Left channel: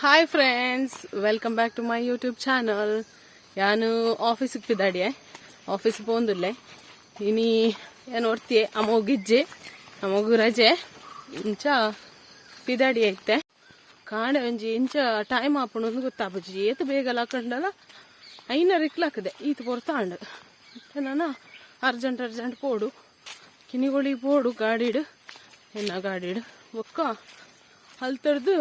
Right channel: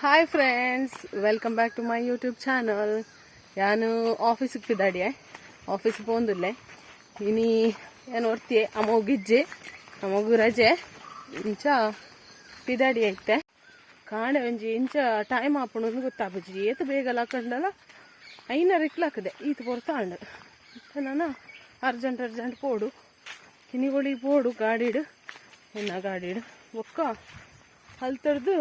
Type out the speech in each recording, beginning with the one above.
Hi friends, welcome back to my YouTube channel. ಯಾನು ಆಫೀಸಿಗೆ ಪಿದಾಡಿಯೆ, office ಪೋಂದುಲ್ಲೆ ಇನಿ ಏನು ಒಡ್ತಿಯೆ ಅಮ್ಮಗಿಜ್ಜೆ ಅಮ್ಮಗು ರಜೆ ಇಂಚ ಪಿದಾಡಿ ಐತೆ ಕಾಂಡೆ ಒಂಜಿ ಇಂಚ ಟೈಮ್ ಆಪುಂಡು ಗೊತ್ತಾಪುಜಿ ಏತು ಬೇಗ ಲಾಕಂಡಲ್ಲ ಐನರ್ ಇಕ್ಲಾಕದೆ ಈತು ಪೊರ್ತಾಂಡು ಮತ್ತೆ ನಾನು ಅರ್ಜೆಂಟ್ ಪೋಡು ಕಿನಿಗೊಳಿ ಪೋಡು ಗಾಡಿಡು ಎನ್ನ ಗಾಡಿಡು ಒಕ್ಕ ಹಲ್ತರ್ದು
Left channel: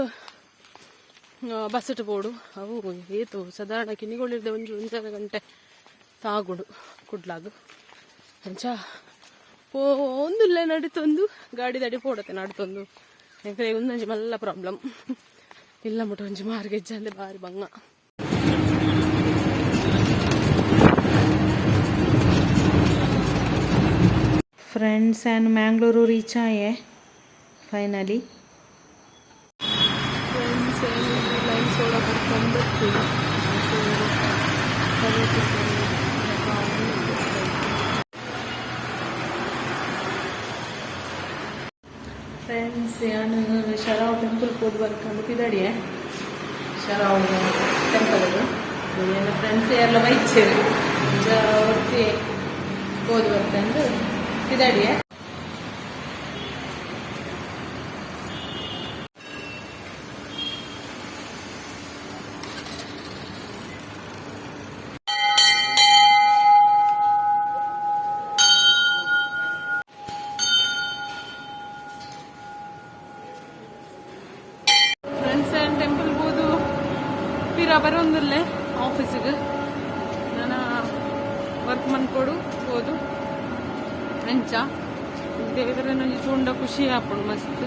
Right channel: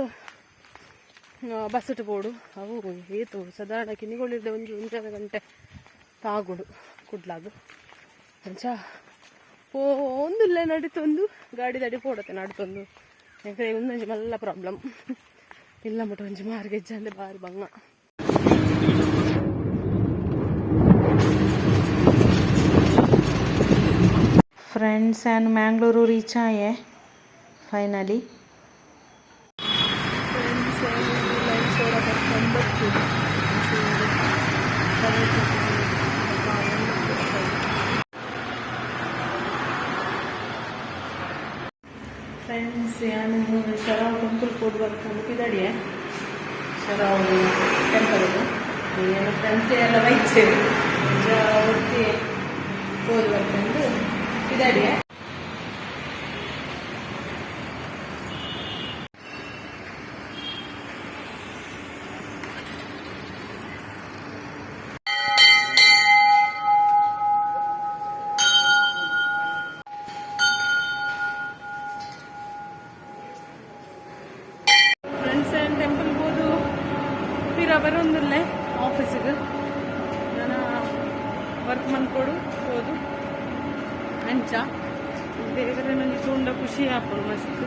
ಬಸ್ಸಟ್ ಪೋಡು ಅವು ಏತು ಸಾಧಾರಣ ಕಿನಿಗೊಳಿರ್ದೆ ಒಂದರ ಗಂಟೆ ತಾಗುಡು ಕುಡ್ಲಾಗು ಅಂಚ ಒಂದುಲ್ಲೆ ನಡಿತೊಂದು ಗಾಡಿ ದಡಿ ಪೋಡತ್ತೆ ನಡ್ತೊಂದು ಯಾಕಂದ್ರೆ ಒಂದೊಂಜಿ ಮಲ್ಲ ಪ್ರಾಬ್ಲಮ್ ಇಲ್ಲ ಮುಟ್ಟ ಒಂಜಿ ಮಾರ್ಗೆಜ್ಜೆ ಅಂದ್ರೆ ಬಾರಿ ಬಂಗ. ಫ್ರೆಂಡ್ಸ್ ಆ್ಯಂಡ್ ಮ್ಯಾಂಗ್ಳೂರು ರೀಚ್ ಆಯೆ ಫೈನಲಿ. ಫ್ರೆಂಡ್ಸ್ ಲೈನ್ ಸೋಡಾ ಬರ್ಕೊಂಡು ಬರ್ತೀವಿ. ಫ್ರೆಂಡ್ಸ್ ನಾನು ಶರಾವ್ ಟೆಂಪಲ್ ಹೋಗಿ ಬರ್ಕೊಂಡು ಪಿದಾಡಿಯೆ ಶರಾವ್ ಟೆಂಪಲ್ಗೆ ಏನು ಫ್ರೆಂಡ್ಸ್ ಎಲ್ಲ ಬೈಚೇರು ಒತ್ತಿ ಹೋಗಿ ಬರ್ಕೊಂಡು ಪಿದಾಡಿಯೆ. ಟೆಂಪಲ್ ಹೋದು ಪಿರ ಬರೋಂದಿಲ್ಲೆ ಆಫೀಸಿಗೆ ನಾನು ವರ್ಕ್ ಮಾಡ್ಕೊಡು ಹೋದು ಅಂಚ ದೇವರ ನಂಗೆ ಚೂಂಡ ಖುಷಿ ಆಪುಂಡು ಮಸ್ತ್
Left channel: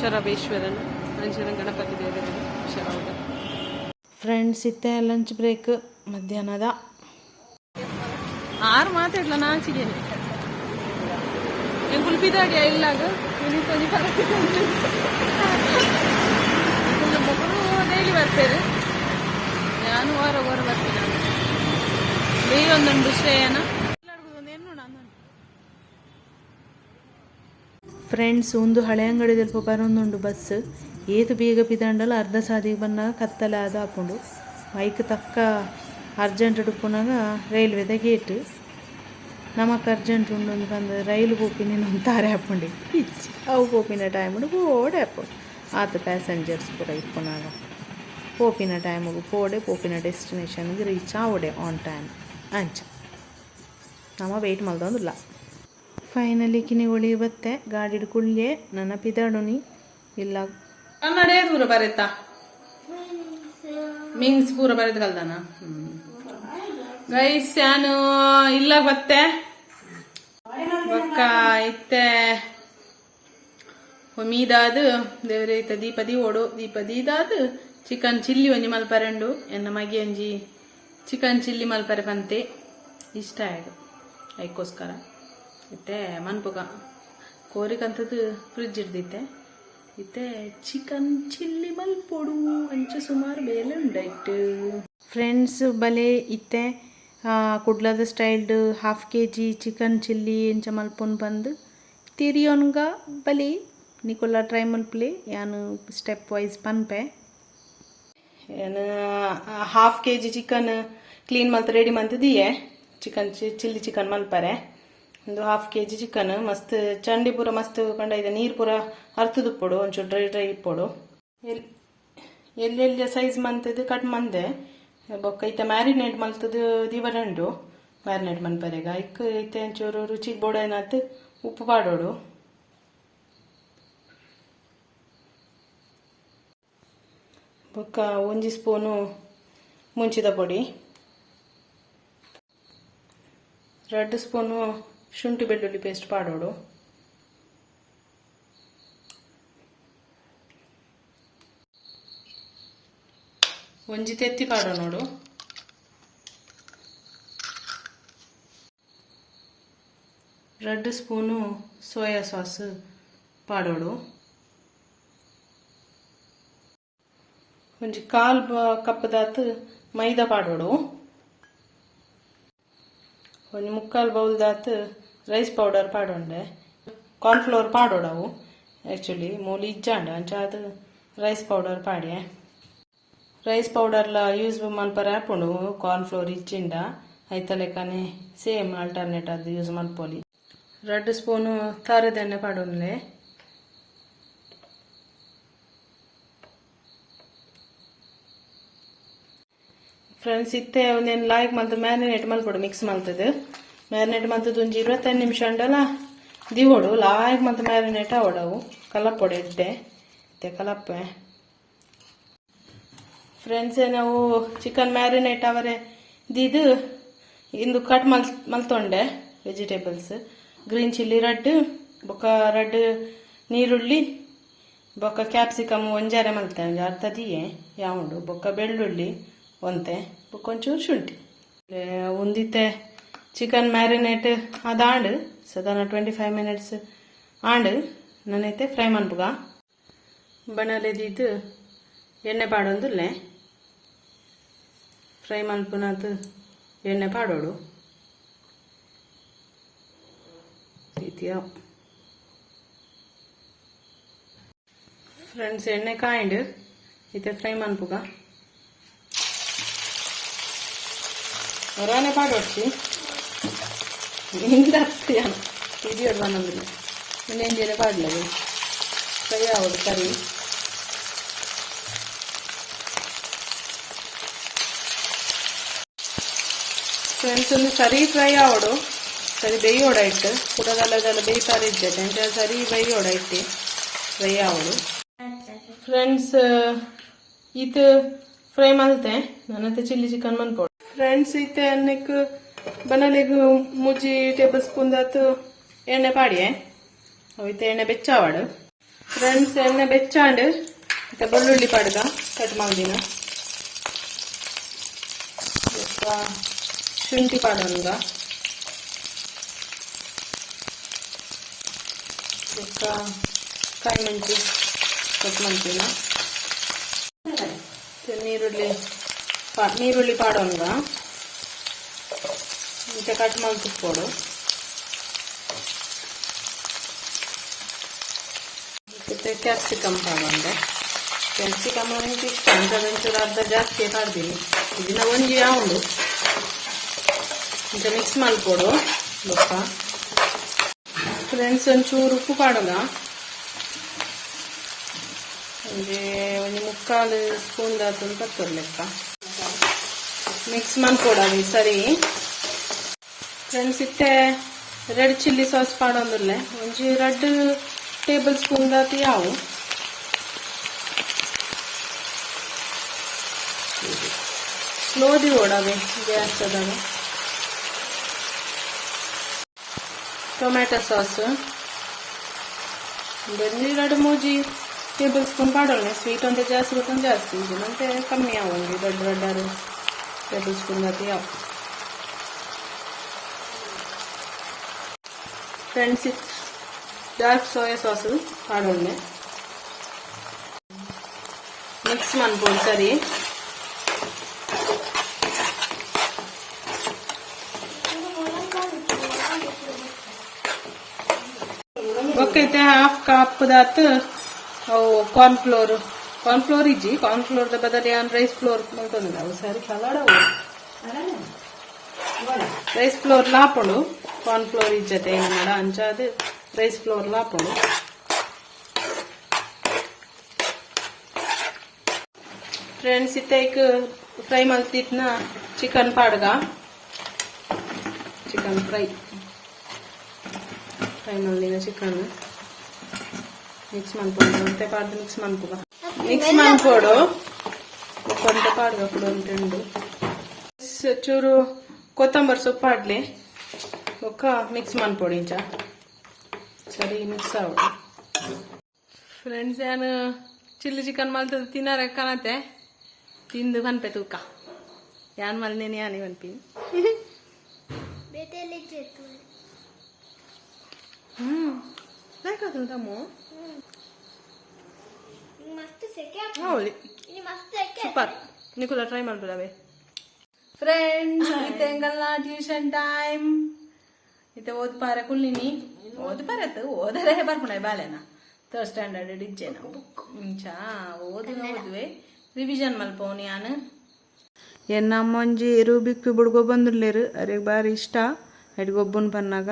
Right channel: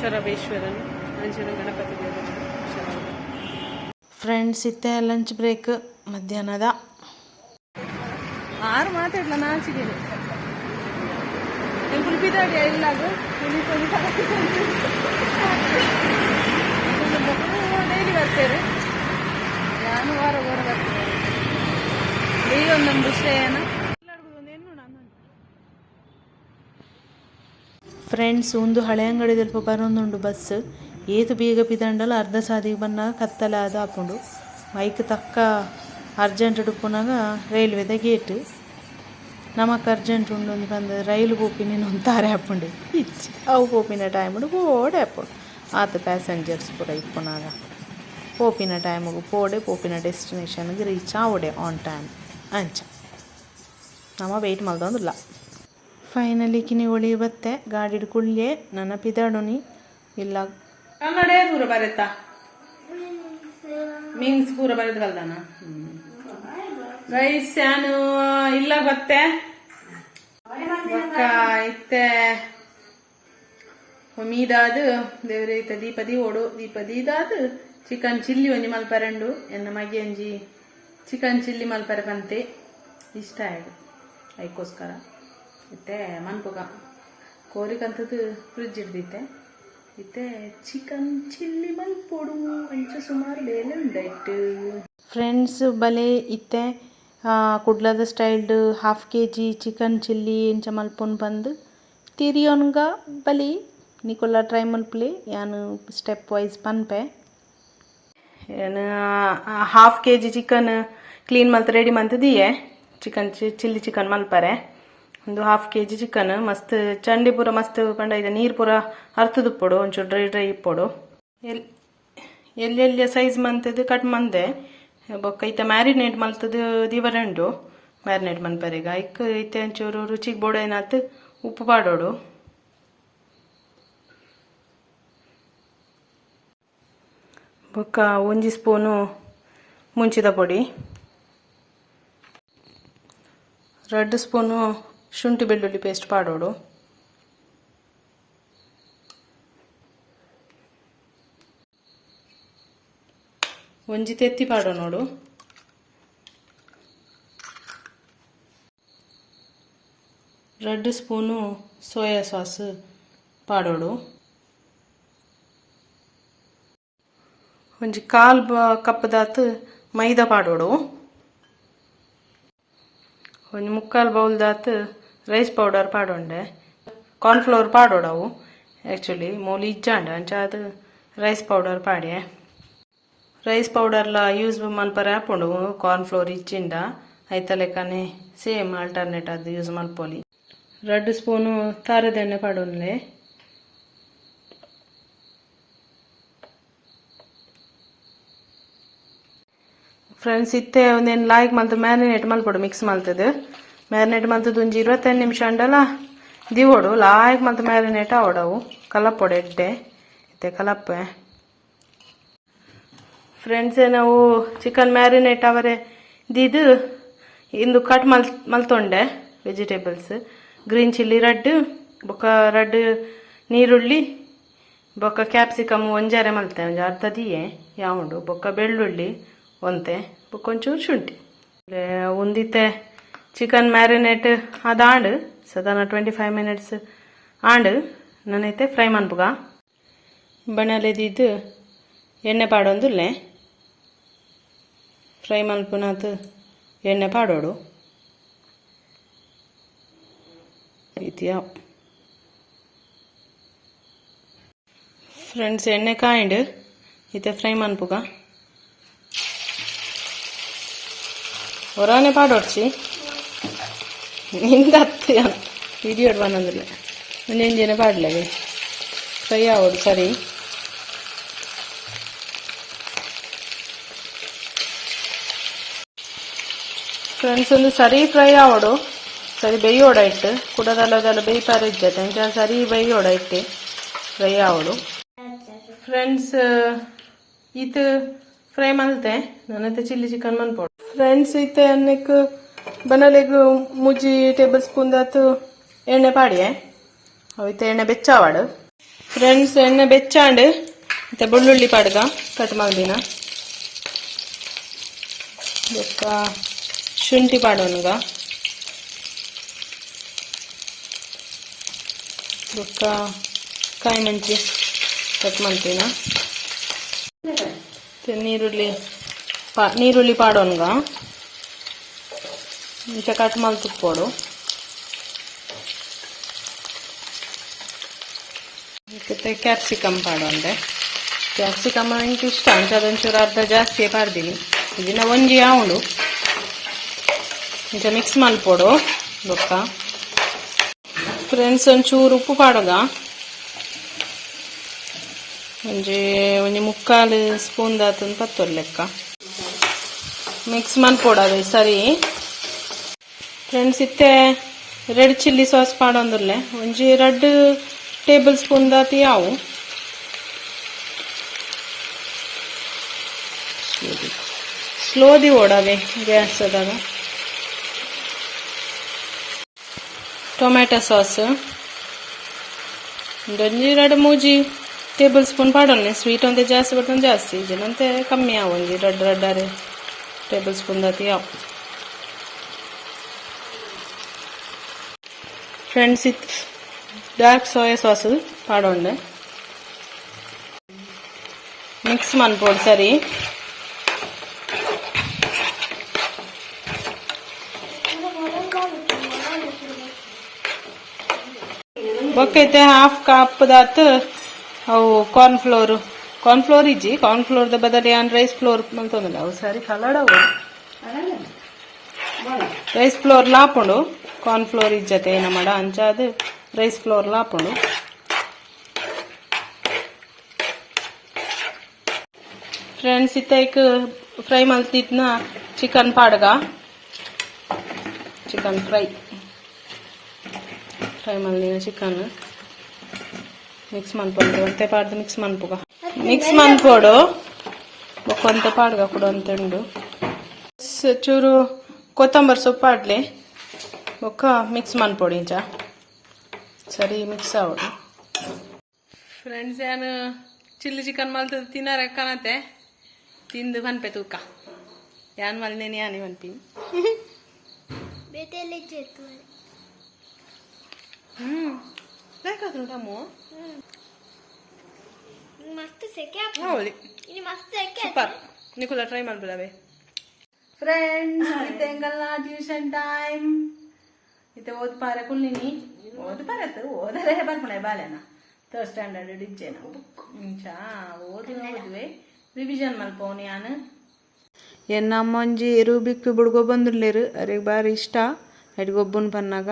ಶರಬೇಶ್ವರನ ಅಂಚನ ಗಣಪತಿ ದೇವರ ಶರವದ. ಫ್ರೆಂಡ್ಸ್ ಇತ್ತೆ ಲಂಚ್ ಬ್ರೇಕ್ ಮಧ್ಯಾಹ್ನದ 6 ಮಾತಾಡ್ಲ ನಾಚಿಗೇನೆ ಎಂಕುಲ್ ಪಿದಾಡಿಯ ಇಲ್ಲಾಗ ಕೊಂಚ ಮಕ್ಕಳು ಡೈಲಿ ಬರ್ತಾರೆ, ನಾನು ವಾರ ಬರ್ತೀನಿ. ನಾನು ಡೈಲಿ ಒಂದೊಂದು ಶ್ರೇಯನ ಫ್ರೆಂಡ್ಸ್ ಒಂದು ಹಳೆ ಅಂಗಡಿ ಸ್ವಲ್ಪ ಬರೋಂದುಂಡು ಬಸ್ ಏತು ಬೇಗ ಪಿದಂಡಲ್ಲ ಅರ್ಧ ಸಾದಿಗೆ ಬಂದಾಗ ಕತ್ತಲೆ ಅದು ಹಾಕೊಂಡು ಬೈಕ್ ತಕ್ಕ ಅರ್ಜೆಂಟ್ ಡುಪ್ಪುನಾಗ ರೈಲ್ವೆದ ಗೇಟ್ ನಮಕ್ ಅರ್ಜೆಂಟ್ ಉಂಡು ಬಂದು ರೈಲು ಪೋಪಿನ ತಾರೆ ಹಾಕೊಂಡು ಇಚ್ಚಿ ಅವು ಪೋಪಿನ ಟೈಮ್ ಓಡೆ ಹಾಕೊಂಡು ಆತ ಪ್ಯಾಸೆಂಜರ್ಸ್ ಪೂರ ಇಪ್ಪುನಾಗ ಪೋಪಿನ ಟೈಮಿಗೆ ಪೋಡೆ ಪೋಪಿನ ಡೆಸ್ಟಿನೇಷನ್ಗೆ ರೀಚ್ ಆವಡೆ ಆನ್ ಟೈಮ್ ಅಂಚ ನಮ್ಮ ವೆಯ್ಟ್ ಮಲ್ದೊಂದಿಲ್ಲ. ಫೈನಲಿ ಕಿನಿಗೊಳಿ ಬತ್ತೆ ಗಾಡಿ ಕುಳ್ಳೆ ನನ್ನ ಪಿದಾಡುನಿ ಇಲ್ಲ ಕನ್ನಡ ಪೂರ ಬರೆತಾ ಮೀನ್ಸ್ ಪೂರ ಬರೆದು ಕಲ್ದಾನ ಗೈಸ್ ನಾನು ಇಲ್ಲ ಬತ್ತೆ ಬಕ್ಕ ಇತ್ತೆ ಮೀದಾದು ದೇವ್ರೆ ಇತ್ತ ದೀಪದಿ ಓಡು ದೀಪದಿದಾದು ಚಿಕನ್ ಚಿಲ್ಲಿ ಒಂಜಿ ಮಲ್ಪರೆಂಡು ಎನ್ನ ಮಗೆ ಒಂಜಿ ಚಿಕನ್ ಚಿಲ್ಲಿ ಮಲ್ಪರೆ ಪಂತೆ ಇಷ್ಟ ಆಯ್ತು ಅದಕ್ಕೋಸ್ಕರ ಇತ್ತೆ ಮನ್ಪುಗ ಕೋರಿಕಂತದ್ದು ಫ್ರಿಜ್ ಹಿಡ್ದಿತ್ತೆ ಇತ್ತೆ ಚಿಕನ್ ಚಿಲ್ಲಿ ಮಲ್ಪೊಡು ಅಂಚ ಸುಮಾರು ಬೇಲೆ ಉಂಡಾಯ್ತು. ಫ್ರೆಂಡ್ಸ್ ಬಲೆ ಇತ್ತೆ ಕುಡ್ಲದ ಸ್ಟೈಲ್ಡ್ 1/2 kg ಚಿಕನ್ ಚಿಲ್ಲಿ ಇಂಚ ಮಲ್ಪೊನ್ ಬಂದು ತಿರಿಯೋನ್ಗ ಬಲಿ ನಿಕೊಲ್ಲ ಟ್ರೈ ಮಲ್ಪಲಿ ಯಾನು ಸ್ಟೆಪ್ ವೈಸ್ ಪನ್ಪೆ. ಏನು 1/2 kg ಚಿಕನ್ ಕ್ಲೀನ್ ಮಲ್ತು ರೆಡಿ ಮಂತದಿಯೇ ಚಿಕನ್ ಚಿಲ್ಲಿ ಚಿಕನ್ ಮಲ್ಪರೆ ಒಂದು 1/2 kg ಚಿಕನ್ ಮಸ್ತ್ ಚಂಡಿ ಪೂರ ಮಸ್ತ್ ಪಂಡ ಇದೆ ನೀರು ಪೂರ ಅರ್ತದುಪ್ಪೊಡು ಒಂಚೂರು ಡ್ರೈ ಇಪ್ಪೊಡು ಎಲ್ಲೆಲ್ಲಿ ಸೈಜ್ ಮಂತದ್ದು ಕಟ್ ಮಂದೆ ಬೊಕ್ಕ ಐತೆ ಮ್ಯಾರಿನೇಟ್ ಮಲ್ತದ್ದು ದಿವರೆಂಡು ಮ್ಯಾರಿನೇಟ್ ಮನ್ಪರೆಗ ಐಕ್ ಐತೆ ಒಂಚೂರು ರುಚಿಗೆ ಬೋಡ ಏನಾಯ್ತು ಉಪ್ಪು ಪಾಡೋಡು ಬೊಕ್ಕ 1 ಸ್ಪೂನು ಮುಂಚಿದ ಪೊಡಿ 2 ಸ್ಪೂನು ಶುಂಠಿ ಬೆಳ್ಳುಳ್ಳಿ ಪೇಸ್ಟ್ ಪಾಡೋಡು ಒಂಜಿ ತೆತ್ತಿ ಪಾಡೋ ನೋಡು 2 ಸ್ಪೂನು ಸೋಯಾ ಸಾಸ್ ಪಾಡೋಡು ಒಂಜಿ 1/4 ಕಪ್ದಾತು ಮೈದಾ ಪಾಡೋಡು ಒಂಜಿ 3/4 ಬೌಲ್ದಾತು ರೈಸ್ ಪೌಡರ್ ಪಾಡೋಂಡೆ ಕಾರ್ನ್ಫ್ಲವರ್ ಪಾಡೋಡು ಅವು ಆ್ಯಕ್ಚುಲಿ ಮೋಲಿ ಇಜ್ಜಾಂಡ ಅಂಚ ಅದು ರೈಸ್ ಪೌಡರ್ ಪಾಡ್ಯೆ ರೈಸ್ ಪೌಡರ್ಲ ಯೂಸ್ ಮಲ್ಪರೆ ಹಾಕೊಂಡು ಕಾರ್ನ್ ಫ್ಲೋರ್ ಇಚ್ಚಿಂಡ ಐತ ಲೆಕ್ಕನೆ ಸೇಮ್ ಆಲ್ಟರ್ನೇಟ್ ಅದು ಯೂಸ್ ಮಲ್ಪೊಲಿ. 2 ಸ್ಪೂನು ಖಾರದ ಎಣ್ಣೆ ಪಾಡೋನ್ಲೆ. ಫ್ರೆಂಡ್ಸ್ ಇತ್ತೆ ಒಂದೇನು ಲಾಯ್ಕ್ ಮಲ್ತು ಮ್ಯಾರಿನೇಟ್ ಮಲ್ಪೊಡು ಮಿಕ್ಸ್ ಮಲ್ತದು. ಮ್ಯಾರಿನೇಟ್ ಮಲ್ತದ್ದು ಒಂಜಿ 25 ನಿಮಿಷ ಉಂಡಲ್ಲ ದಿವೋಡು ಲಾಯ್ಕ್ ಮಲ್ತು ಮ್ಯಾರಿನೇಟ್ ಆವಡವು ಕಲಪೊಡು ಎಡ್ಡೆ ಇತ್ತೆ ಕಲಪ್ಪೆ. ಫ್ರೆಂಡ್ಸ್ ನಾವು ಚಿಕನ್ ಮ್ಯಾರಿನೇಟ್ ಅವರೇ ದಿದು ಇಂದು ಕಟ್ ಮಲ್ತೊಂಡೆ ವೆಜಿಟೇಬಲ್ಸ್ ಗ್ರೀನ್ ಚಿಲ್ಲಿ ರೆಡ್ ಬೊಕ್ಕ ರೆಡ್ ನೀರುಳ್ಳಿ ಬೊಕ್ಕ ಕ್ಯಾಪ್ಸಿಕಮ್ ಒಂಜಾರೆ ಮಲ್ತೆ ಒಂಜಿ ಅರ್ಧ ದಿಯೆ ಯಾವುದು ಬೊಕ್ಕ ಬೆಳ್ಳುಳ್ಳಿ ಒಂತೆ ಬೊಕ್ಕ ಒಂಚೂರು ಶುಂಠಿ ಉಂದಿತ್ತೆ ಚಿಕನ್ ಮ್ಯಾರಿನೇಟ್ ಅದು ಆಂಡು ಸಾಧಾರಣ 25 ಮಿನಿಟ್ಸ್ ಆಂಡು ನನ್ನೈತೆ ಫ್ರೈ ಮನ್ಪುಗ ಬಣಲೆದಿದ್ದು ಎಣ್ಣೆ ಪಾಡೊಂದುಲ್ಲೆ ಫ್ರೈ ಮಲ್ಪುನಾತು ಎಣ್ಣೆ ಪಾಡೋಡು ರೀತಿಯ. ಫ್ರೆಂಡ್ಸ್ ಎಣ್ಣೆ ಕಾಯಿಂಡು ಇತ್ತೆ ಫ್ರೈ ಮನ್ಪುಗ ಒರಾನೆ ಪಾಡೋಡ್ಚಿ ನಿಂದ ಹತ್ತಿಯ ಇಡಿಯೋಡು ಬಂದಿಲ್ಲ ನೆಂಜಿನ ಪಾಡ್ಲವೆ ಫ್ರೈ ಆಗೋದು ಸರಿ. ಫ್ರೆಂಡ್ಸ್ ಒಂದು ಸರಿ ಫ್ರೈ ಆವೋಡು ಸರಿ ಬೇಯೋಡ ಇಟ್ಟು ಕುಡದಲ್ಲದೆಲ್ಲ ಬೇಯ್ತಾರೆ ಇಜ್ಜತೆ ಎಂಚ ಸರಿ ಬೇಯೋಡ ಇಟ್ಟು ಫ್ರೈ ಆವೋಡು. ಫ್ರೆಂಡ್ಸ್ ಇದು ಫ್ರೈ ಮಲ್ತೆ ನನ್ನತ್ತೆ ಚಿಲ್ಲಿ ಚಿಕನ್ ಮನ್ಪೋಡು. ಫ್ರೆಂಡ್ಸ್ ಇತ್ತೆ ಅನ್ನಕ್ಕೆ ಬನಲೆಗು ಮುಜ್ಜಿ ಟೇಬಲ್ ಸ್ಪೂನ್ ದಾತು ಎಣ್ಣೆ ಪಾಡಿಯೆ ಅವೈತೆ ಎಣ್ಣೆ ಬೆಚ್ಚಾವಾಡು. ಫ್ರೆಂಡ್ಸ್ ಎಣ್ಣೆ ಬೆಚ್ಚಾಂಡು ಮತ್ತೆ ಬೆಳ್ಳುಳ್ಳಿ ಪಾಡ್ಗ ಕಟ್ ಮಾಡಿನ ಶುಂಠಿ ಪಾಡೋನ್ಗ ಬೊಕ್ಕ ಕಾಯಿ ಮಂಚಿ ಕಟ್ ಮಾಡ್ತೀನ ನೀರುಳ್ಳಿ ಪಾಡೋನ್ಗ ಇಂಚ ಕಟ್ ಮಾಡಿ ತುಪ್ಪೋಡು ಮತ್ತೆ ಕ್ಯಾಪ್ಸಿಕಮ್ ಪಾಡೋಂಡೆ. ಕ್ಯಾಪ್ಸಿಕಮ್ ನನಗೆ ಇಷ್ಟ ಅಂತ ಒಂಚೂರು ಅರ್ಧ ಜಾಸ್ತಿ ಪಾಡ್ದೀನಿ ಇದನ್ನ ಒಂಜಿ ಯಾವಳು ಇಂಚ ಮಿಕ್ಸ್ ಮಲ್ಪೋಡು ಬೊಕ್ಕ. ಫ್ರೆಂಡ್ಸ್ ಒಂಚೂರು ಉಪ್ಪು ಪಾಡೋಗ ಒಂಜಿ ಮುಕ್ಕಾಲು ಸ್ಪೂನ್ ದಾತು ಪತ್ತೊಂದು ಲೆಕ್ಕ ಮಿಕ್ಸ್ ಮಲ್ಪೋಡದು ಸರಿ. ಫ್ರೆಂಡ್ಸ್ ಇತ್ತೆ ರೆಡ್ ಚಿಲ್ಲಿ ಸಾಸ್ ಪಾಡೊಂದುಲ್ಲೆ ಒಂಜಿ 2 ಟೇಬಲ್ ಸ್ಪೂನ್ ದಾತಿ ಯಾವು ಸ್ಲೋದಿ ಓಡವೆ ಗ್ಯಾಸ್ ಅದಾಗ. ಟೊಮ್ಯಾಟೊ ಸಾಸ್ ಒಂಜಿ 2-3 ಟೇಬಲ್ ಸ್ಪೂನ್ ಪಾಡೋಣ. ಸ್ವೀಟ್ ಒಂದೇ ಜಾಸ್ತಿ ಬರ್ತಂದು ಜಾಸ್ತಿ ಇದನ್ನಂತೆ ಕಮ್ಮಿ ಯಾವ ಒಂಜಿ 2 ಟೇಬಲ್ ಸ್ಪೂನ್ ದಾತಿ ಯಾವ. ಫ್ರೆಂಡ್ಸ್ ಇತ್ತು ಡಾರ್ಕ್ ಸೋಯಾ ಸಾಸ್ ಪಾಡೋಂಡೆ ಮಿಕ್ಸ್ ಮನ್ಪೋಡು ಸರಿ. ಬೊಕ್ಕೈತೆ ಹಾಫ್ ಕಪ್ ದಾತು ಅವು ಕಾರ್ನ್ ಫ್ಲೋರ್ ಇಜ್ಜಿ ಕಾರ್ನ್ ಫ್ಲೋರ್ದ ಬದಲು ಏನ್ ರೈಸ್ ಫ್ಲೋರ್ ಮಲ್ತೊಂದಿಲ್ಲ ಅವು ಸರಿ ಕಲಡವು ರೈಸ್ ಫ್ಲೋರ್ ಲಾಪುಂಡು ಕಾರ್ನ್ ಫ್ಲೋರ್ ಇಜ್ಜತೆ ಏನ ಮಾಡ ಅಂಚಾದು ರೈಸ್ ಫ್ಲೋರ್ ಲಾಪುಂಡು. ಫ್ರೆಂಡ್ಸ್ ಇತ್ತೈಕ್ ಫ್ರೈ ಮಲ್ತಿದ್ನ ಚಿಕನ್ ಪಾಡ್ಗ ಚಿಕನ್ ಫ್ರೈ ಮಲ್ದಿನ ಚಿಕನ್ ಮಿಕ್ಸ್ ಮನ್ಪೊಂಡು ಒಂತೆ ಪಾಡ್ದು ಮಿಕ್ಸ್ ಮನ್ಪುಗ ಮಿಕ್ಸ್ ಮನ್ಪೋಡು ಒಂತೆ ಪಾಡ್ಗ ಕೂಡ ಅಂತೆಂಡು ಚೂರು ಕೊತ್ತಂಬರಿ ಸೊಪ್ಪು ಆಡ್ಲಿ ಒಕ್ಕ ಮಿಕ್ಸ್ ಮನ್ಪೋಡು ಇಂಚ ಸರಿ ಮಿಕ್ಸ್ ಆವಡು. ಫ್ರೆಂಡ್ಸ್ ಏನು ಚಿಲ್ಲಿ ಚಿಕನ್ ಮಲ್ತದ ತಿನ್ನಾರ ಕಾಣತ್ತೆ ತಿಂದು ಬನ್ಪೆ ತೂಕ ಯಾನ್ ಮಲ್ನೇನಿ ಯಾನಿ ಬನ್ಪಿ ಬೇಕಾದ ಟಮೋ ಹೌದು ಸೂಪರ್ ನಿಕುಲ ಟ್ರೈ ಮಾಡ್ಬಿಡವೆ. ಫ್ರೆಂಡ್ಸ್ ಇತ್ತೆ ಎಂಗಲ್ನ ಟ್ಯೂಷನ್ ಟೈಮ್ ಇತ್ತೆ ಓದ್ ಪಾರೆ ಕುಲ್ಲಿನಿ ಓದ್ ಪಾರತ್ತು ಓದರೆ ಬರ್ಪುಣೆ ಬಾಲೆನ 3rd ಸ್ಟ್ಯಾಂಡರ್ಡ್ ಇಜ್ಜೆ ನಾವು ಇಂಚ ಓದುವೆ ರಿವಿಷನ್ ಮಲ್ಪೋನಿ ನಾನು ಎನ್ನಮ್ಮ ಒಂಜಿ ರೂಬಿಕ್ ಬುಡ್ಗೊ ಬಂದುಲ್ಲೇರು ಅವ್ರಿಗೆ ಬಾರಿ ಇಷ್ಟ ಅಡಿಗೆ ಒಬ್ಬನ ಪನ್ನಾಗ.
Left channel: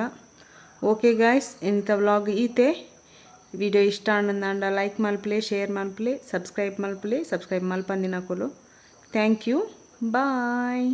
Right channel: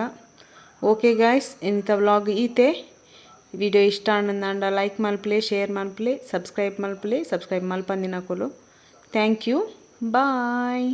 ಓಕೆ ಗಾಯ್ಸ್, ಇಂಥ ವ್ಲಾಗ್ ಈತೆ ವಿಡಿಯೋ ಇಷ್ಟ ಅನ್ನಂದ ಲೈಕ್ ಮಲ್ಪಲೆ, ಶೇರ್ ಮಲ್ಪಲೆ, ಸಬ್ಸ್ಕ್ರೈಬ್ ಮಲ್ಪಲೆ, ಸಬ್ಸ್ಕ್ರೈಬ್ ಮಲ್ಪಂದಿನಕುಲು. Thank you, bye.